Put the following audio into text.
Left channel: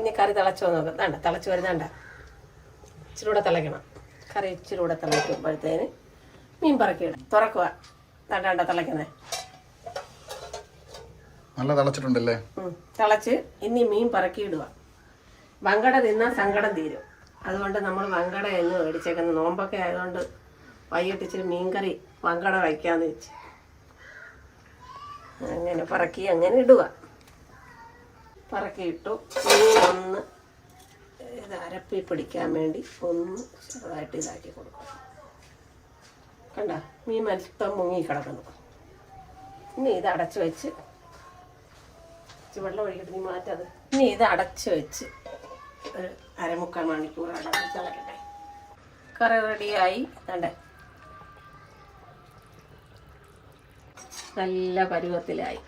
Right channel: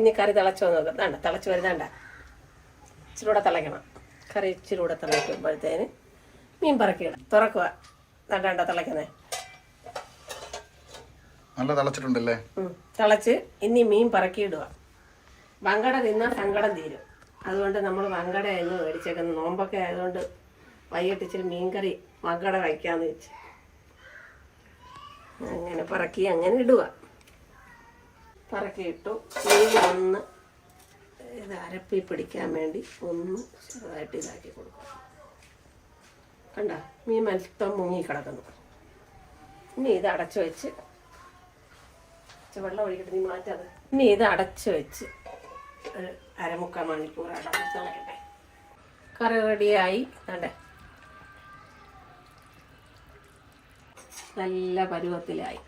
ഇനി കറി തിളച്ചോ നോക്കാം. വേണ്ട, തിളച്ച് വരുന്നുണ്ട. ഇച്ചിരി കൂടെ തിളയ്ക്കണം. കറി ഇച്ചിരി കൂടെ തിളയ്ക്കുമ്പോഴത്തേന് മീൻ പറക്കിയിടാം. തുറക്കുക. തട്ടാണ്ട തിളയ്ക്കുന്നത് നല്ല തിളച്ചിട്ടുണ്ടല്ലേ. തിളച്ച് ഇനി മീൻ പറക്കിയിടുക. വങ്കട തിന്നാൽ സങ്കടം തീരും. അതുകൊണ്ട് നമ്മൾ വങ്കട എന്ന് മേടിച്ചേക്കുന്നത്. നോമ്പൊക്കെ ആയതുകൊണ്ട് വൈകിട്ട് ഇച്ചിരി മീൻകറി വങ്കട വയ്ക്കാന്ന് വെച്ച് അങ്ങനെ പറക്കി അങ്ങനെ ഇടുക. പറക്കിയിട്ടു. മീൻ ഒന്ന് ഇത് അരപ്പി പിടിക്കാൻ വേണ്ടി ഒന്ന് ചെറുതായിട്ട് ഇതാക്കി കൊടുക്കും. കണ്ട മീൻ മൊത്തം മുങ്ങി കിടക്കുന്നു. ഇനി ഇത് അടച്ചു വെച്ച് വെള്ളം ഒഴിക്കിട്ട് നീ മാറ്റാതെ. ഇനി ഇത് അടച്ചു വെച്ച് ഒരു 1/4 മണിക്കൂർ അടച്ച് തിളക്കട്ടെ. കറി റെഡിയായി. കണ്ടേ നല്ല പരുവത്തിലായി.